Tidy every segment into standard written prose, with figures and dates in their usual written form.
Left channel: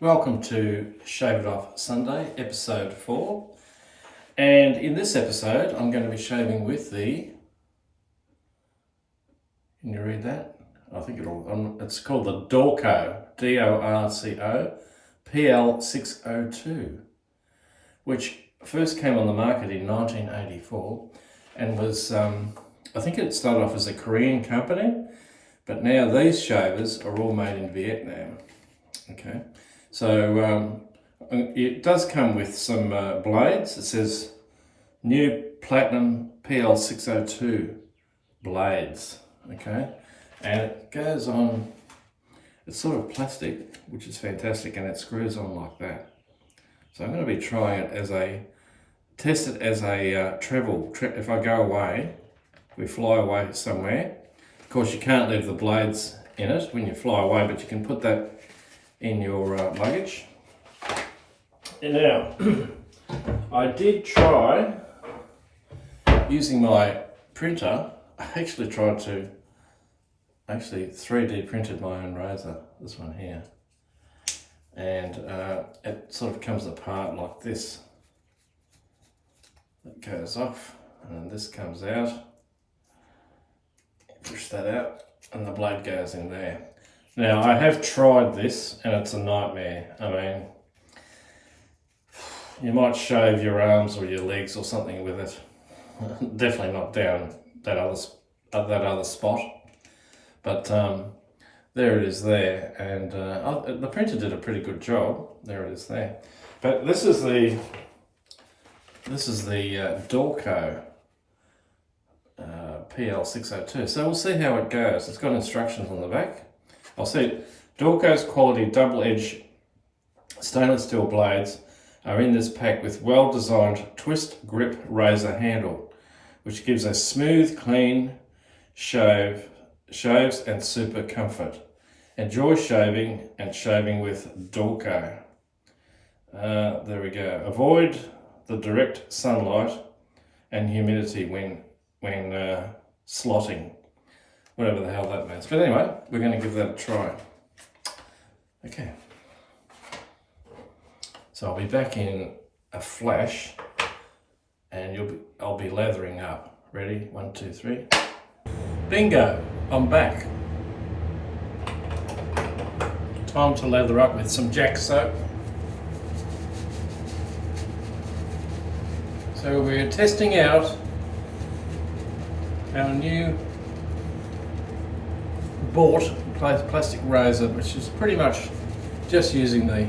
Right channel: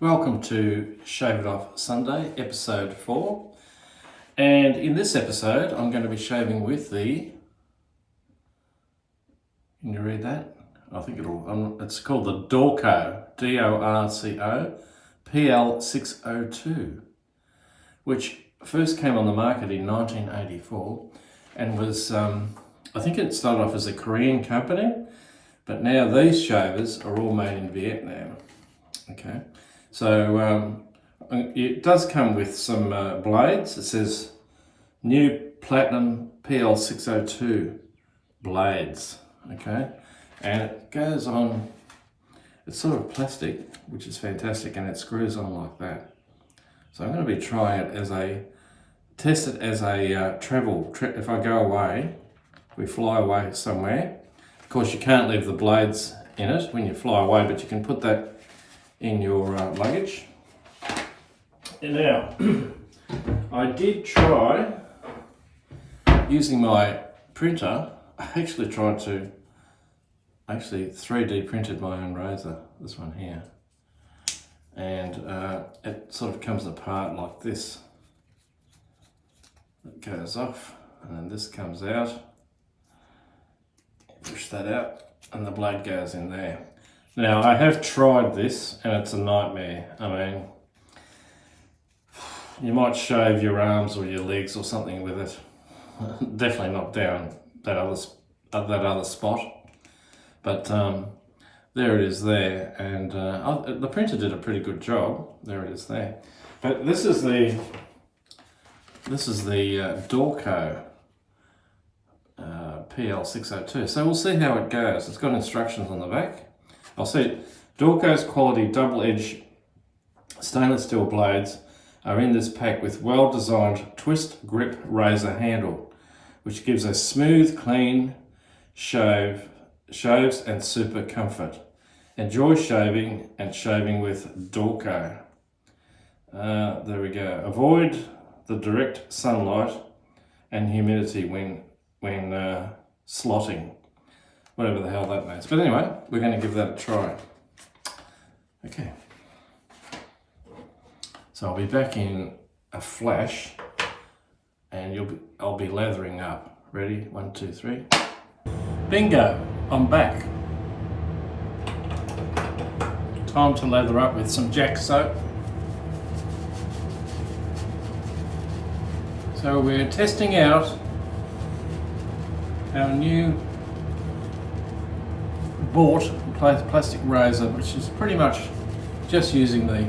Welcome to Shave It Off Sunday, episode 4. And in this episode, I'm going to be shaving with the... Can you read that? I think it's called the Dorco, D-O-R-C-O, PL 602, which first came on the market in 1984 and was, I think it started off as a Korean company, but now these shavers are all made in Vietnam. Okay. So it does come with some blades. It says new platinum PL 602 blades, okay? And it goes on, it's sort of plastic, which is fantastic, and it screws on like that. So I'm going to be trying it test it as a travel trip. If I go away, we fly away somewhere. Of course, you can't leave the blades in it when you fly away, but you can put that in your luggage. And now, I did try using my printer. I actually tried to 3D printed my own razor, this one here. And it sort of comes apart like this. It goes off, and then this comes out. Push that out, and the blade goes in there. Now, I have tried this, and it's a nightmare. I mean, you might shave your arms or your legs or something with it. Definitely not down that other spot. But there it is there, and the printer did a pretty good job. There it is there. But this is the Dorco PL 602. So we'll see how it goes. It's got instructions on the back. I'll see. Dorco's quality double-edged stainless steel blades are in this pack with well-designed twist grip razor handle, which gives a smooth, clean shaves and super comfort. Enjoy shaving and shaving with Dorco. There we go. Avoid the direct sunlight and humidity when slotting. Whatever the hell that means. But anyway, we're going to give that a try. Okay. So I'll be back in a flash, and I'll be lathering up. Ready? 1, 2, 3. Bingo! I'm back. Time to lather up with some Jack soap. So we're testing out our new bought plastic razor, which is pretty much just using the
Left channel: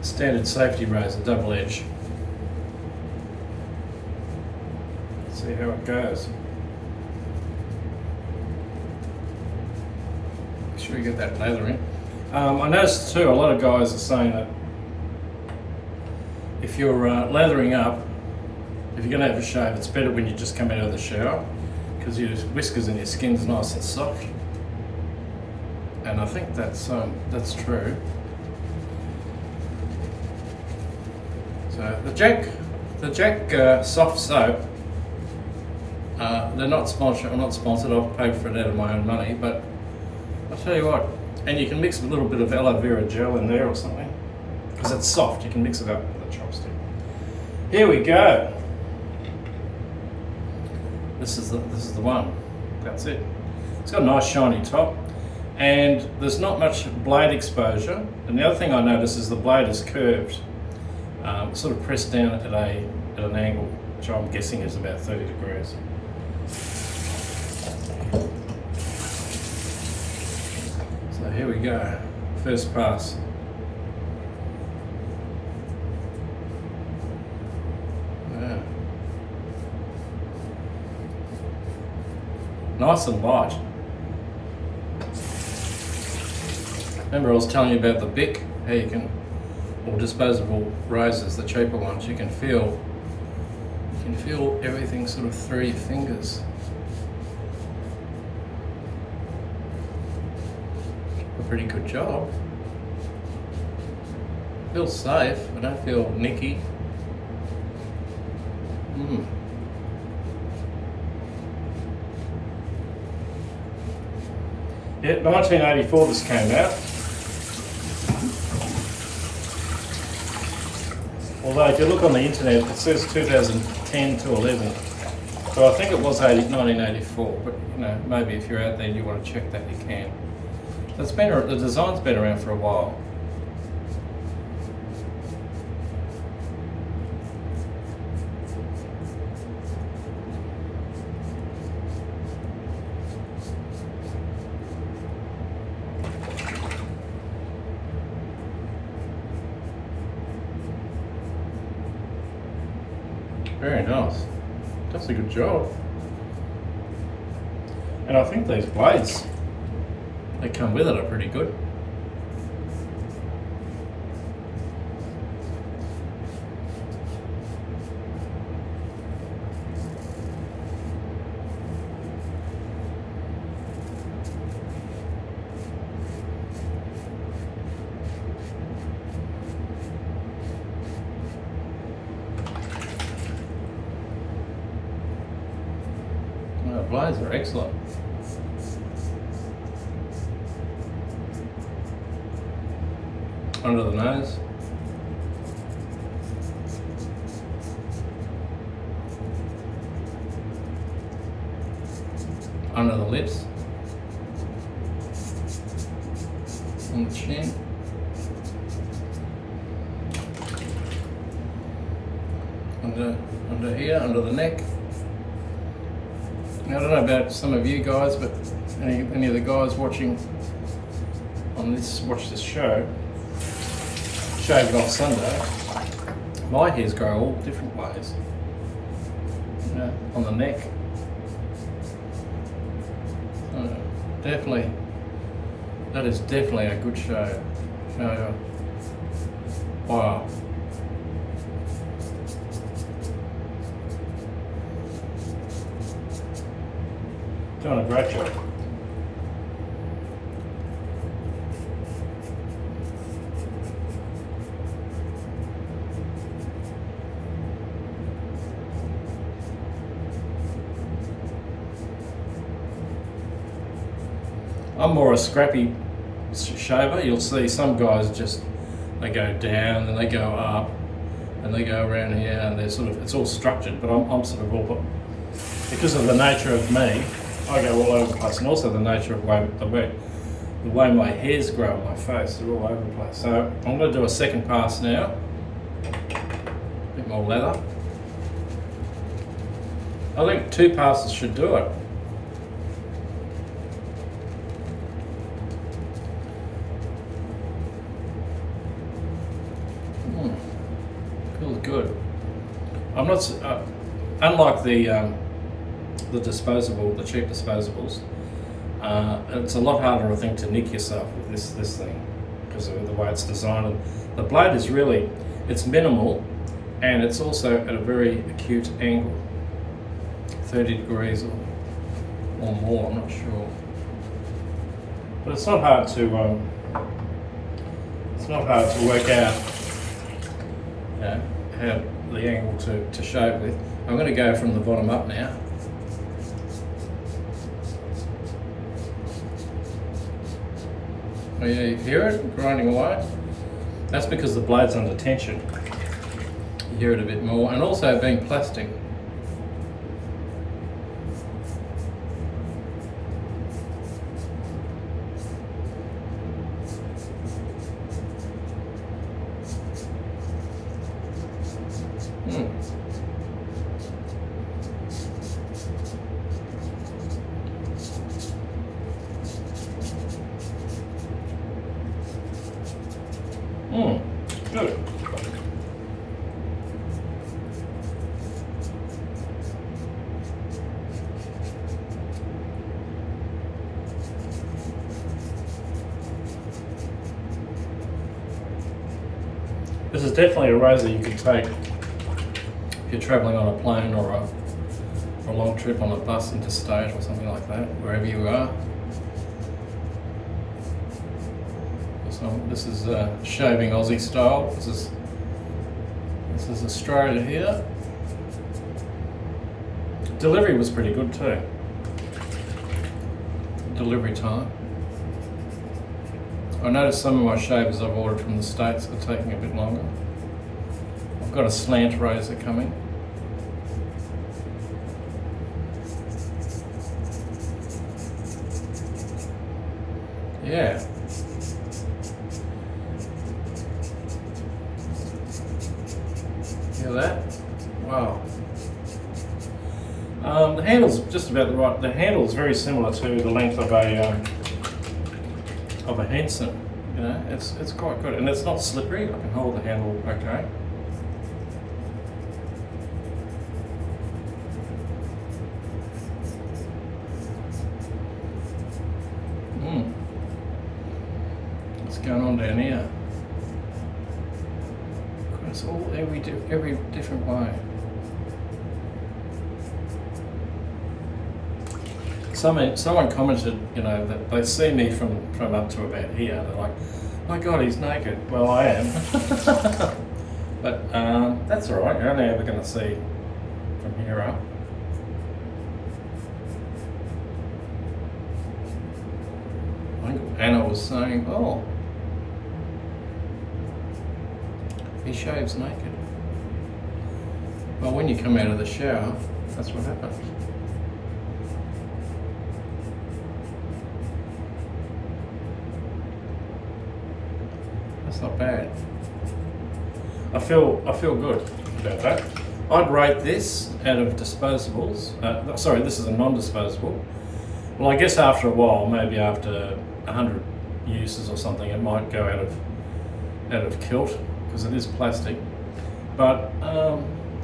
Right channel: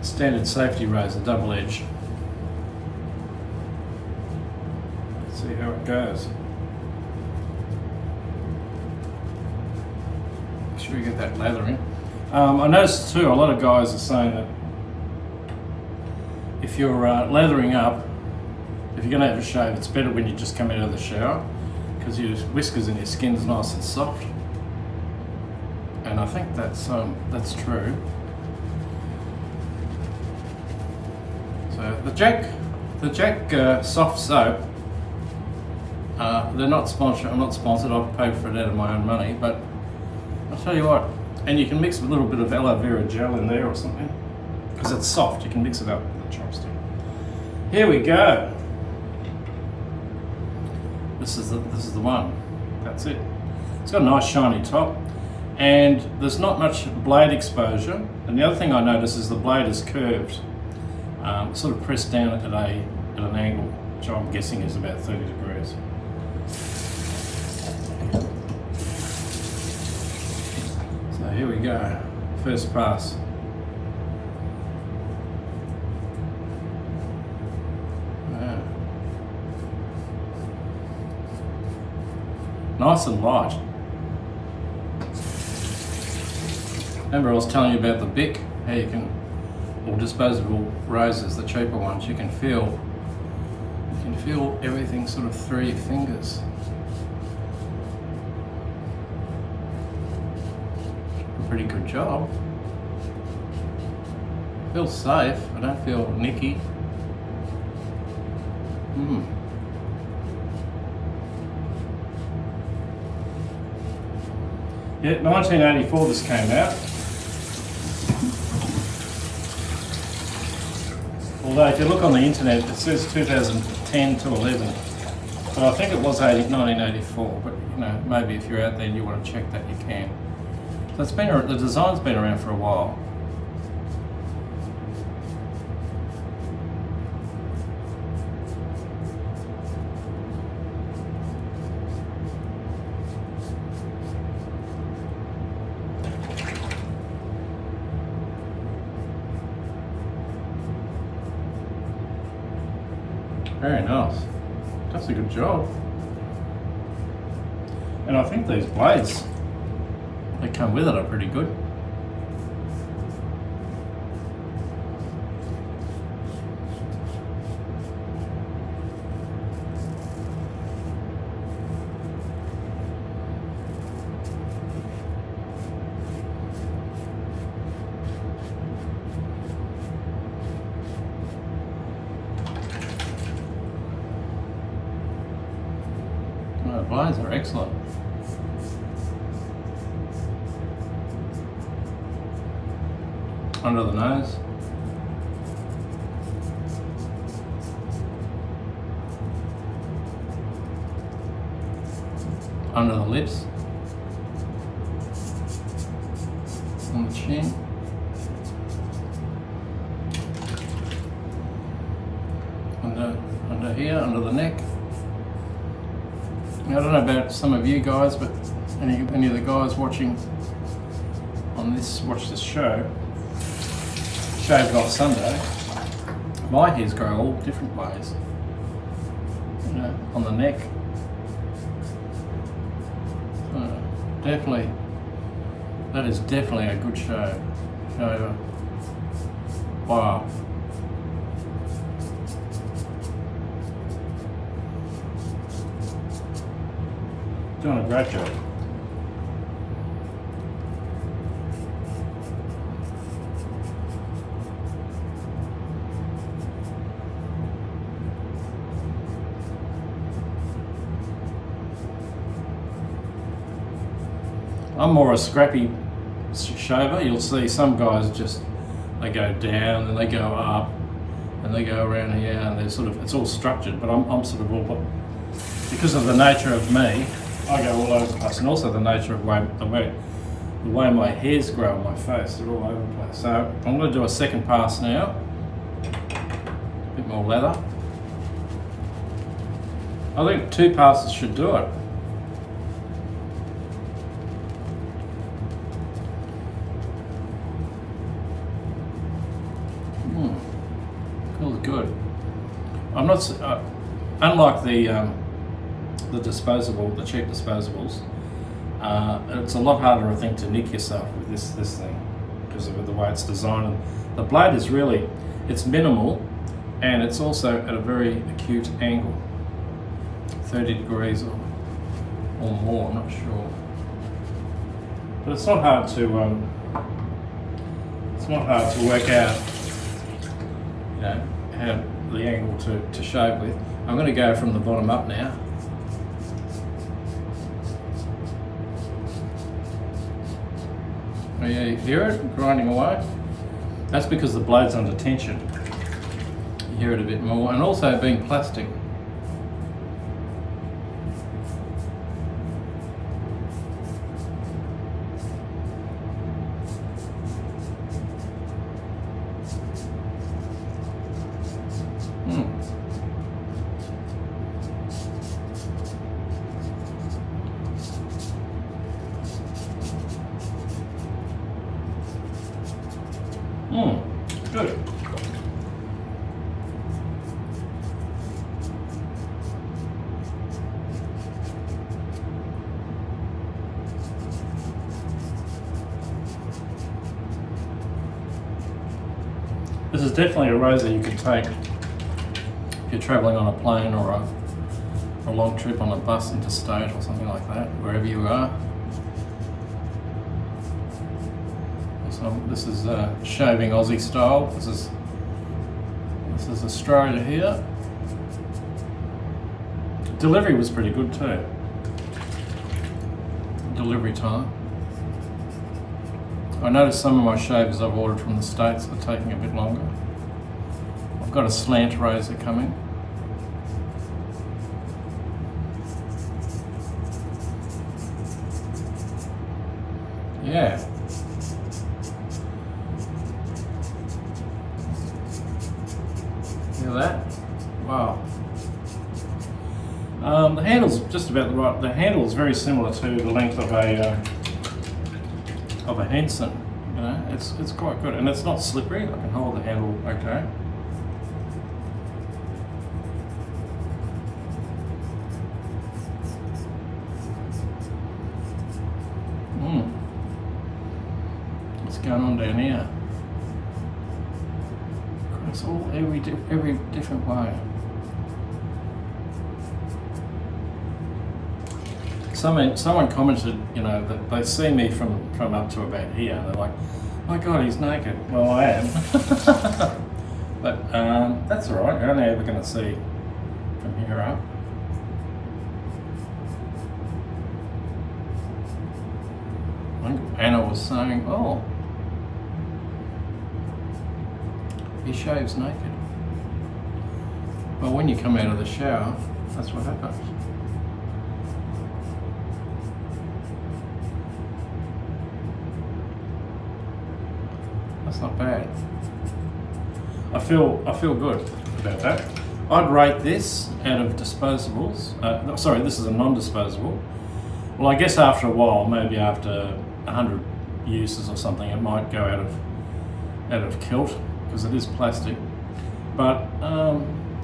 standard safety razor, double edge. Let's see how it goes. Make sure you get that lather in. I noticed too, a lot of guys are saying that if you're lathering up, if you're going to have a shave, it's better when you just come out of the shower, because your whiskers and your skin's nice and soft. And I think that's true. So the Jack soft soap, they're not sponsored. I'm not sponsored. I've paid for it out of my own money. But I'll tell you what, and you can mix a little bit of aloe vera gel in there or something, because it's soft. You can mix it up with a chopstick. Here we go. This is the one. That's it. It's got a nice shiny top. And there's not much blade exposure. And the other thing I notice is the blade is curved, sort of pressed down at an angle, which I'm guessing is about 30 degrees. So here we go, first pass. Yeah. Nice and light. Remember I was telling you about the Bic, how you can, or disposable razors, the cheaper ones, you can feel everything sort of through your fingers. A pretty good job. Feels safe, I don't feel nicky. Yeah, 1984 this came out. Although if you look on the internet, it says 2010 to 11. So I think it was 1984, but you know, maybe if you're out there and you want to check that, you can. So it's been, the design's been around for a while. Very nice. Does a good job. And I think these blades that come with it are pretty good. The blades are excellent. Under the nose. Under the lips. On the chin. Under here, under the neck. Now, I don't know about some of you guys, but any of the guys watching on this, watch this show, shave it on Sunday, my hairs grow all different ways. You know, on the neck. Definitely, that is definitely a good shave. Wow. Doing a great job. I'm more a scrappy shaver. You'll see some guys just, they go down and they go up and they go around here and they're sort of, it's all structured, but I'm sort of all, because of the nature of me, I go all over the place, and also the nature of the way my hairs grow on my face, they're all over the place. So I'm going to do a second pass now, a bit more leather. I think 2 passes should do it. Feels good. I'm not, unlike the disposable, the cheap disposables, it's a lot harder, I think, to nick yourself with this thing because of the way it's designed. And the blade is really, it's minimal, and it's also at a very acute angle, 30 degrees or more, I'm not sure. But it's not hard to work out, you know, how the angle to shave with. I'm going to go from the bottom up now. Oh yeah, you hear it grinding away? That's because the blade's under tension. You hear it a bit more, and also being plastic. Good. This is definitely a razor you can take if you're travelling on a plane or a long trip on a bus interstate or something like that, wherever you are. So this is shaving Aussie style. This is Australia here. Delivery was pretty good too. Delivery time. I noticed some of my shavers I've ordered from the States are taking a bit longer. I've got a slant razor coming. Yeah. Hear that? Wow. The handle's just about right. The handle is very similar to the length of a Henson. You know, it's quite good, and it's not slippery. I can hold the handle okay. What's going on down here? It's all every different way. Someone commented, you know, that they see me from up to about here. They're like, "My God, he's naked." Well, I am, but that's all right. You're only ever going to see from here up. I think Anna was saying, "Oh, he shaves naked." Well, when you come out of the shower, that's what happens. That's not bad. I feel good about that. I'd rate this out of disposables. Sorry, this is a non-disposable. Well, I guess after a while, maybe after 100 uses or something, it might go out of kilt because it is plastic. But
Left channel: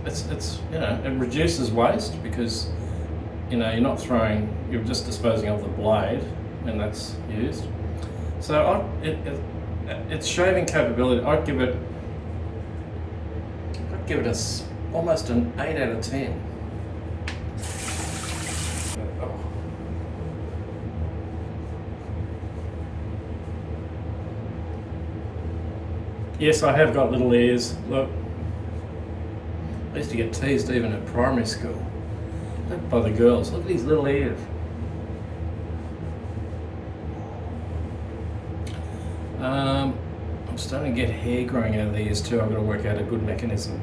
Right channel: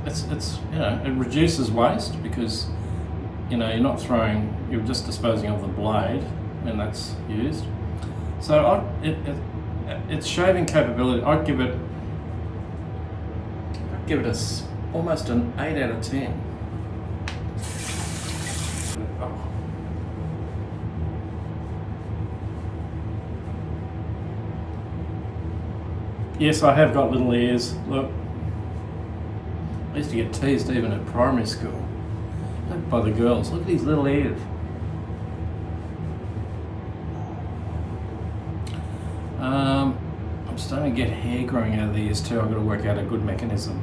it's you know, it reduces waste because you know you're just disposing of the blade, and that's used. So its shaving capability, I'd give it almost an 8 out of 10. Yes, I have got little ears. Look, I used to get teased even at primary school. Look by the girls. Look at these little ears. I'm starting to get hair growing out of the ears too. I've got to work out a good mechanism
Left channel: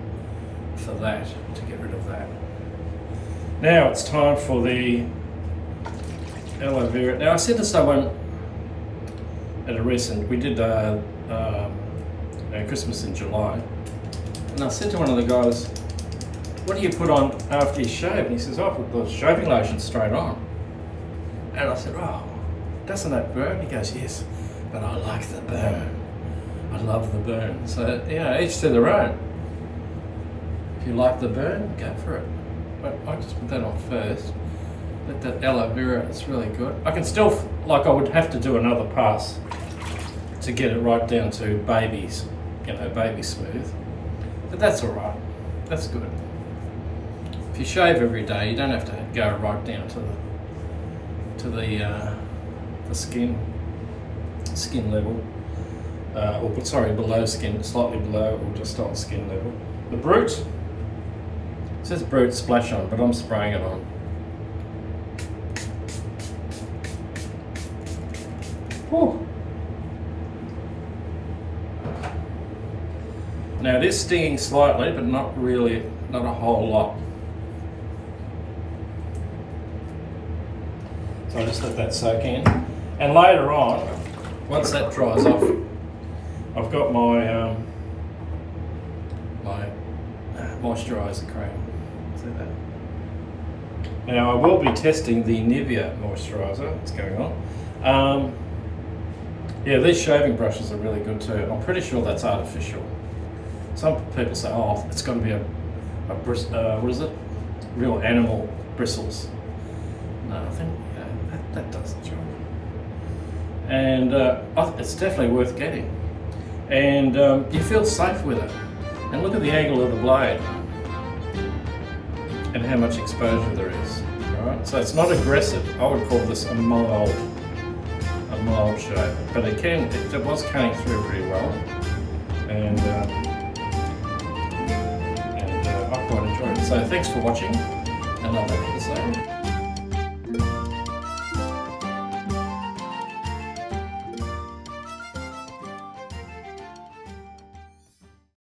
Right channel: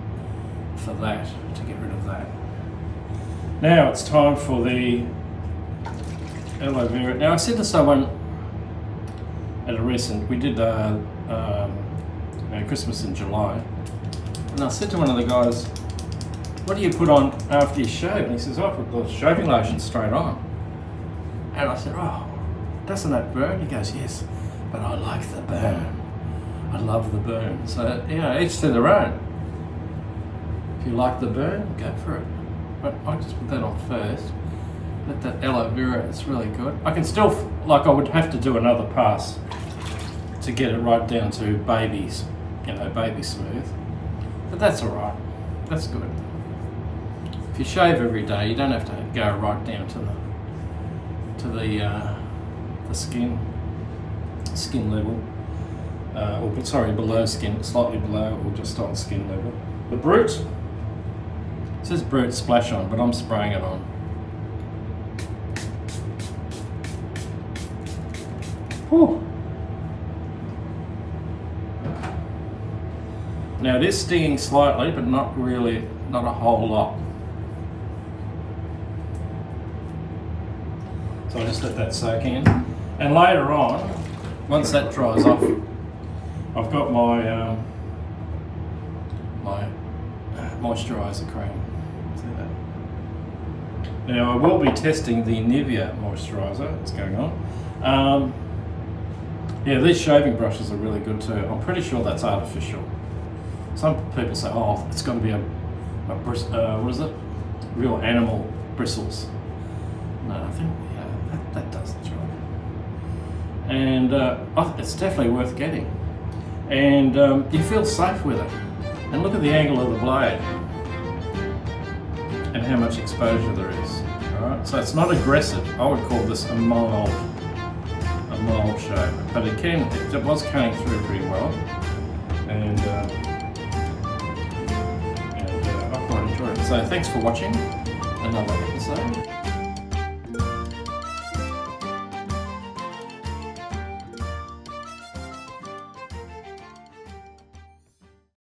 for that, to get rid of that. Now it's time for the aloe vera. Now I said to someone at a recent, we did Christmas in July, and I said to one of the guys, "What do you put on after you shave?" And he says, "I put the shaving lotion straight on." And I said, "Oh, doesn't that burn?" He goes, "Yes, but I like the burn. I love the burn." So, you know, each to their own. If you like the burn, go for it. But I just put that on first. Let that aloe vera, it's really good. I can still, like, I would have to do another pass to get it right down to babies, you know, baby smooth. But that's all right. That's good. If you shave every day, you don't have to go right down to the skin level, or sorry, below skin, slightly below, or just on skin level. The Brute, it says Brute splash on, but I'm spraying it on. Whew. Now it is stinging slightly, but not really, not a whole lot. So I just let that soak in. And later on, once that dries off, I've got my moisturiser cream. See that? Now I will be testing the Nivea moisturiser that's going on. Yeah, these shaving brushes are really good too. I'm pretty sure that's artificial. Some people say, "Oh, it's got to be a what is it? Real animal bristles." No, I think that does the job. And it's definitely worth getting. And you feel safe with it. And look at the angle of the blade and how much exposure there is. All right, so it's not aggressive. I would call this a mild shaver, but it was cutting through pretty well. And I quite enjoyed it. So thanks for watching another episode.